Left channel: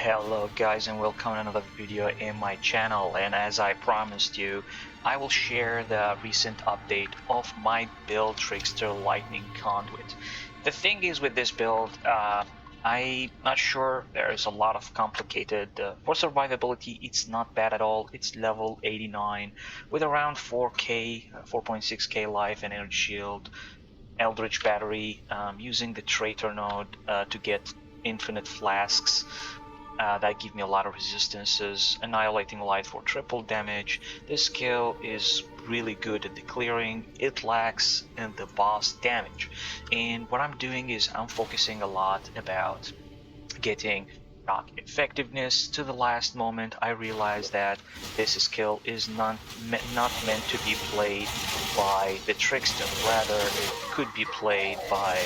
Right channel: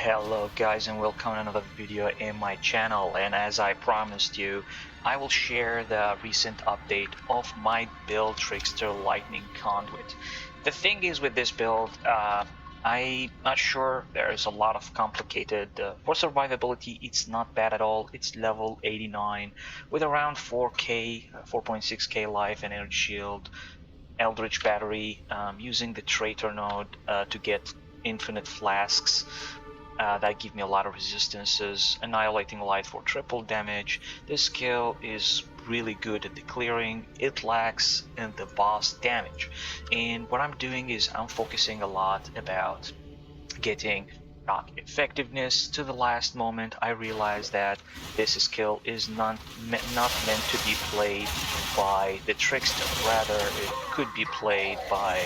Hello guys and welcome to another video in my channel, and as I promised you, I will share the recent update of my build Trickster Lightning Conduit. The thing is with this build, I'm not sure, there is a lot of complicated, for survivability it's not bad at all. It's level 89 with around 4k, 4.6k life and energy shield, Eldritch battery, using the traitor node to get infinite flasks. That give me a lot of resistances, annihilating light for triple damage. This skill is really good at the clearing, it lacks and the boss damage. And what I'm doing is I'm focusing a lot about getting shock effectiveness to the last moment. I realized that this skill is not meant to be played by the Trickster, rather it could be played by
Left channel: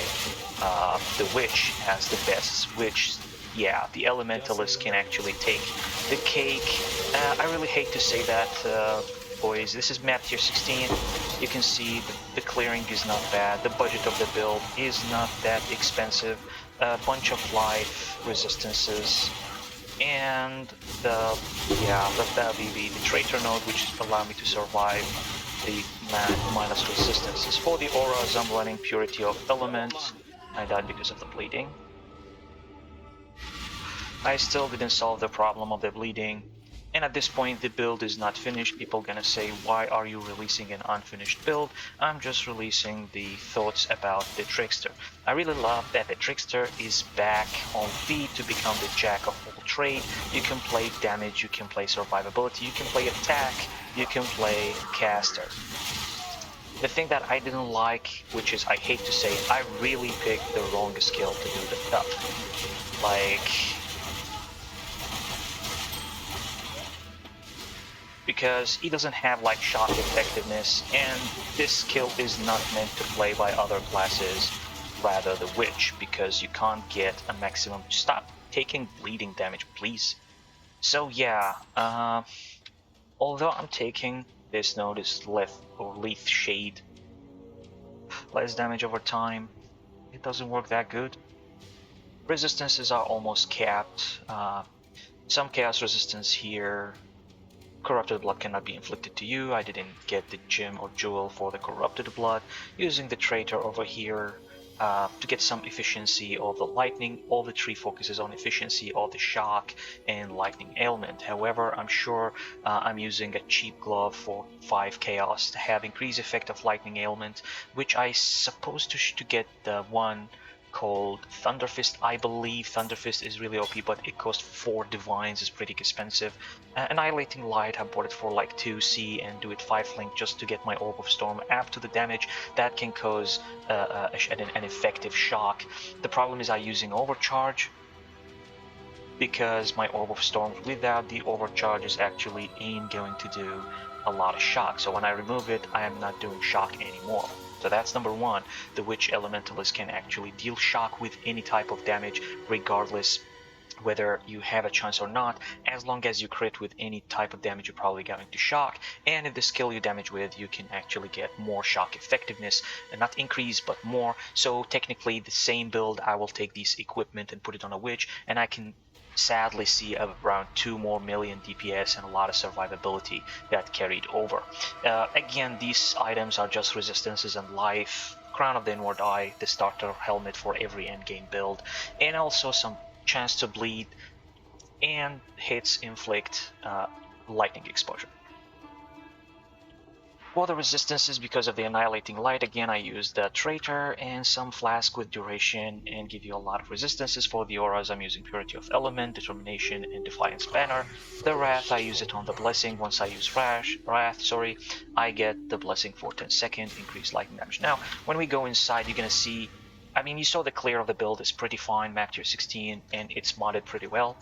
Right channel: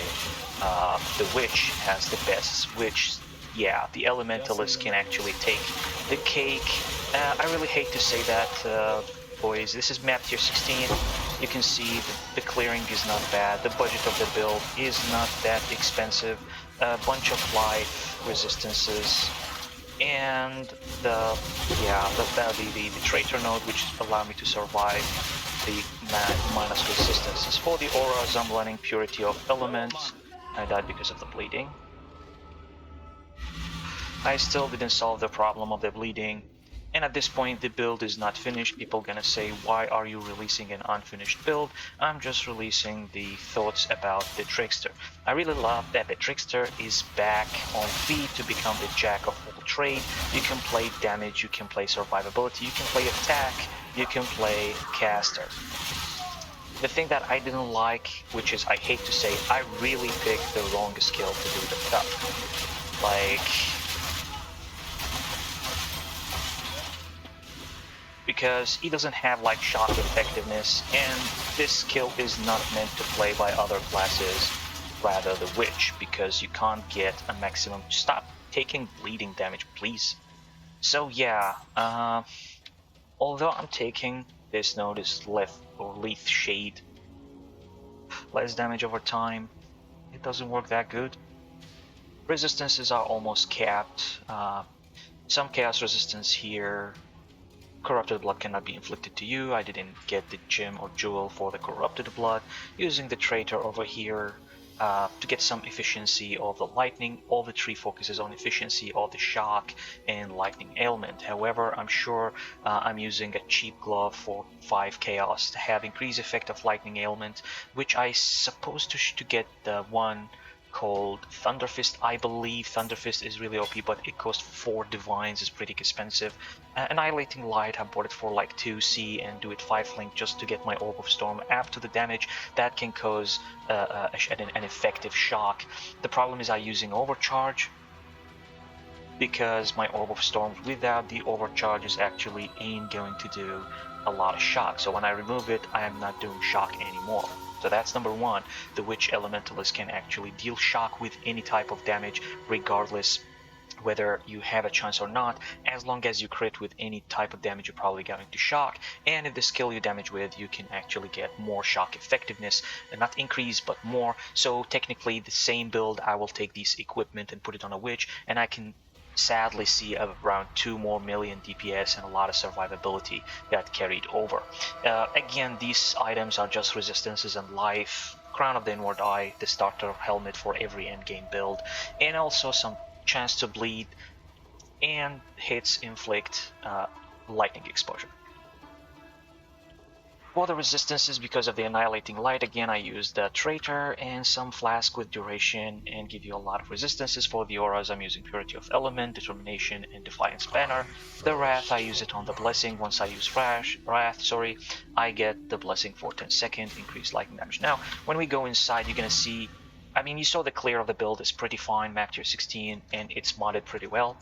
the Witch as the best Witch. Yeah, the Elementalist can actually take the cake. I really hate to say that, boys. This is map tier 16. You can see the clearing is not bad. The budget of the build is not that expensive. A bunch of life resistances, and the traitor node, which allow me to survive the minus resistances. For the auras, I'm running Purity of Elements. I died because of the bleeding. I still didn't solve the problem of the bleeding, and at this point the build is not finished. People gonna say, why are you releasing an unfinished build? I'm just releasing the thoughts about the Trickster. I really love that the Trickster is back on feet to become the jack of all trades. You can play damage, you can play survivability, you can play attack, you can play caster. The thing that I didn't like, which is I hate to say, I really picked the wrong skill to do the stuff. Because he doesn't have like shock effectiveness, and this skill is not meant to play by other classes, rather the Witch, because you can't get a maximum. Stop taking bleeding damage, please. So yeah, although I'm taking this node is Leaf Shade, less damage over time, it doesn't work that good. Resistances are almost capped. Some chaos resistance here. Corrupted blood cannot be inflicted to you. I didn't get the gem or jewel for the corrupted blood. Using the traitor over here to get some efficiency of the lightning. All the tree focuses on efficiency of the shock and lightning ailment. However, I'm sure I'm using a cheap glove for 5 chaos to have increased effect of lightning ailment, which I supposed to get the one called Thunderfist. I believe Thunderfist is really OP, but it costs 4 divines, is pretty expensive. Annihilating Light, I bought it for like 2C and do it 5 link just to get my Orb of Storm app to the damage. That can cause an effective shock. The problem is I'm using Overcharge, because my Orb of Storm without the Overcharge is actually ain't going to do a lot of shock. So when I remove it, I am not doing shock anymore. So that's number one. The Witch Elementalist can actually deal shock with any type of damage, regardless whether you have a chance or not. As long as you crit with any type of damage, you're probably going to shock. And if the skill you damage with, you can actually get more shock effectiveness, and not increase but more. So technically the same build, I will take this equipment and put it on a Witch, and I can sadly see around 2 more million DPS and a lot of survivability not carried over. Again, these items are just resistances and life, Crown of the Inward Eye, the starter helmet for every endgame build, and also some chance to bleed, and hits inflict lightning exposure. For the resistances, because of the Annihilating Light, again I used the Traitor and some Flask with Duration and give you a lot of resistances. For the auras, I'm using Purity of Element, Determination, and Defiance Banner. The Wrath, I use it on the Blessing. Once I use Wrath, I get the Blessing for 10 seconds, increased lightning damage. Now, when we go inside, you're gonna see, I mean, you saw the clear of the build is pretty fine, back to 16, and it's modded pretty well.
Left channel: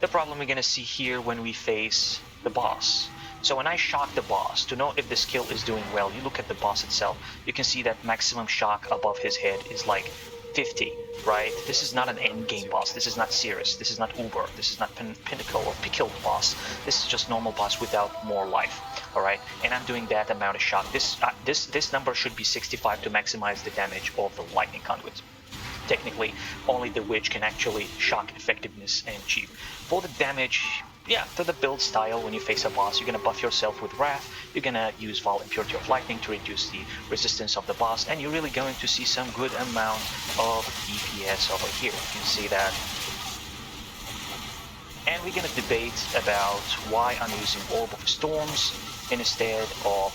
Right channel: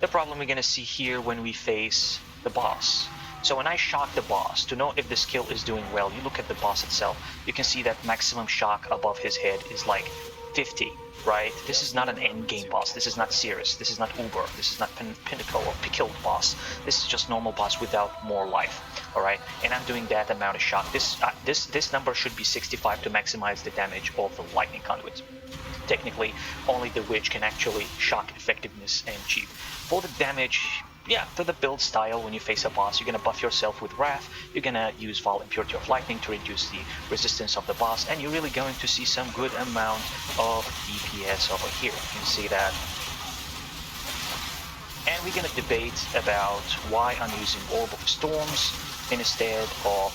The problem we're gonna see here when we face the boss. So when I shock the boss, to know if the skill is doing well, you look at the boss itself, you can see that maximum shock above his head is like 50, right? This is not an endgame boss, this is not Cirrus, this is not Ogre, this is not Pinnacle or to kill the boss. This is just normal boss without more life, alright? And I'm doing that amount of shock. This number should be 65 to maximize the damage of the Lightning Conduit. technically only the witch can actually shock effectiveness and achieve. For the damage, yeah, to the build style, when you face a boss, you're gonna buff yourself with Wrath, you're gonna use Val Impurity of Lightning to reduce the resistance of the boss, and you're really going to see some good amount of DPS over here. You can see that. And we're gonna debate about why I'm using Orb of Storms instead of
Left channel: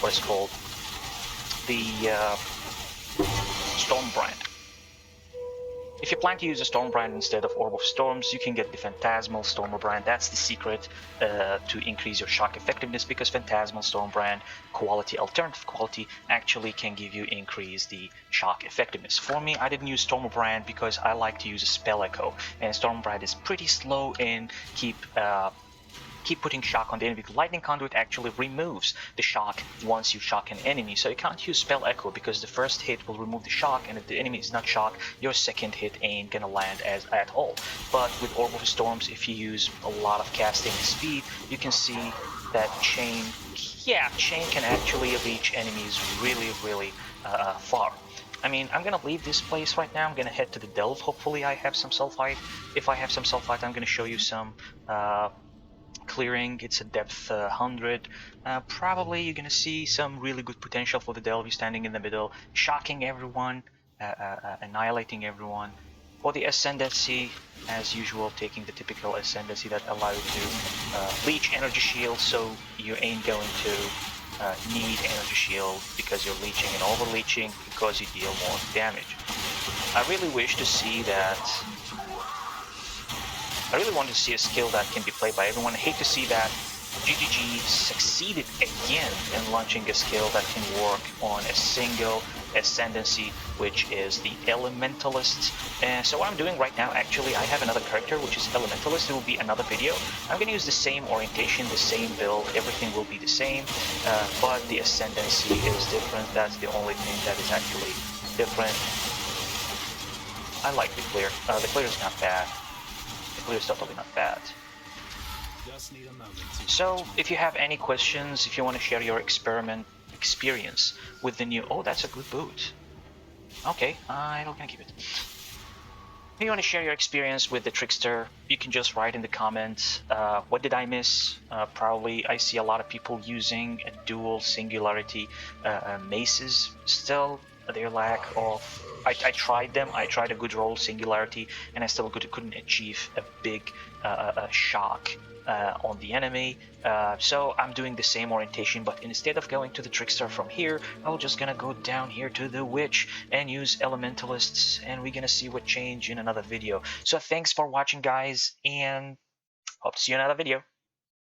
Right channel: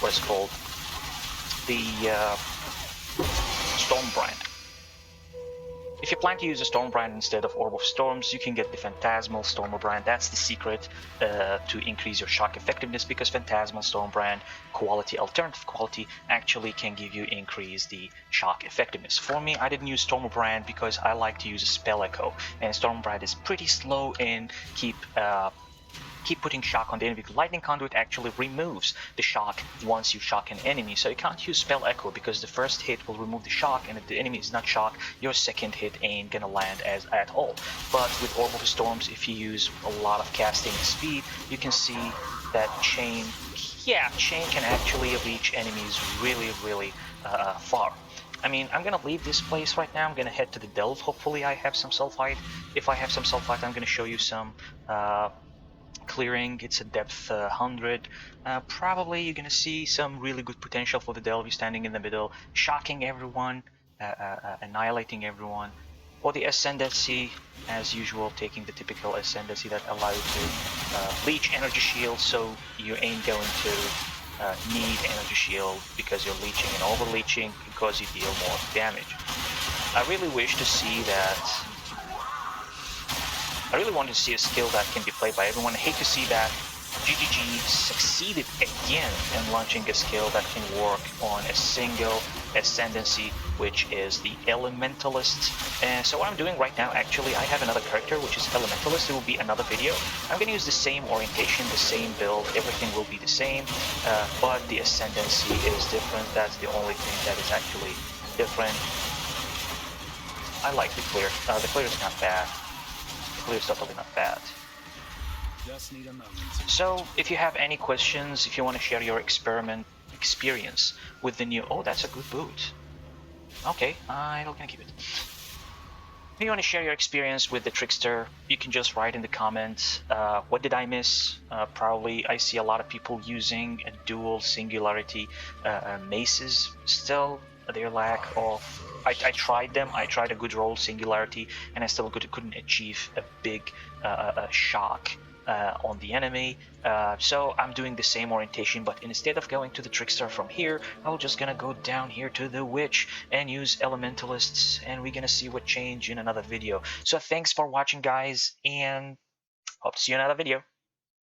what's called the Stormbrand. If you plan to use a Stormbrand instead of Orb of Storms, you can get the Phantasmal Stormbrand. That's the secret to increase your shock effectiveness, because Phantasmal Stormbrand quality, alternative quality, actually can give you increase the shock effectiveness. For me, I didn't use Stormbrand because I like to use a Spell Echo, and Stormbrand is pretty slow and keep putting shock on the enemy. Lightning Conduit actually removes the shock once you shock an enemy, so you can't use Spell Echo because the first hit will remove the shock, and if the enemy is not shocked, your second hit ain't gonna land at all. But with Orb of the Storms, if you use a lot of casting speed, you can see that Chain can actually reach enemies really far. I mean, I'm gonna leave this place right now. I'm gonna head to the Delve. Hopefully I have some Sulfite. If I have some Sulfite, I'm gonna show you some clearing. It's a depth 100. Probably you're gonna see some really good potential for the Delve standing in the middle, shocking everyone, annihilating everyone. For the Ascendancy, as usual, taking the typical Ascendancy that allows you to leech energy shield, so you ain't going to use energy shield because you're leeching, and over leeching because you deal more damage. I really wish to see that. I really want to see a skill that can be played by everyone. I hate to see that GGG succeeded again in launching a skill that can work on a single ascendancy, which is the Elementalist. And so what I'm doing right now, actually, I have another character, which is Elementalist. It will be another video. I'm going to use the same orientation, the same build, everything will be the same, but the ascendancy is different. That's the only thing that is actually different. I like the clear. The clear is not bad. It's definitely not bad. So, if you have any questions, if you want to share your experience with the new... Oh, that's a good boot. Okay, I'm gonna keep it. If you want to share your experience with the Trickster, you can just write in the comments. What did I miss? Probably I see a lot of people using a dual singularity maces still. Their lack of... I tried them. I tried a good roll singularity, and I still couldn't achieve a big shock on the enemy. So I'm doing the same orientation, but instead of going to the Trickster from here, I'm just gonna go down here to the Witch and use Elementalists, and we're gonna see what change in another video. So thanks for watching, guys, and hope to see you in another video.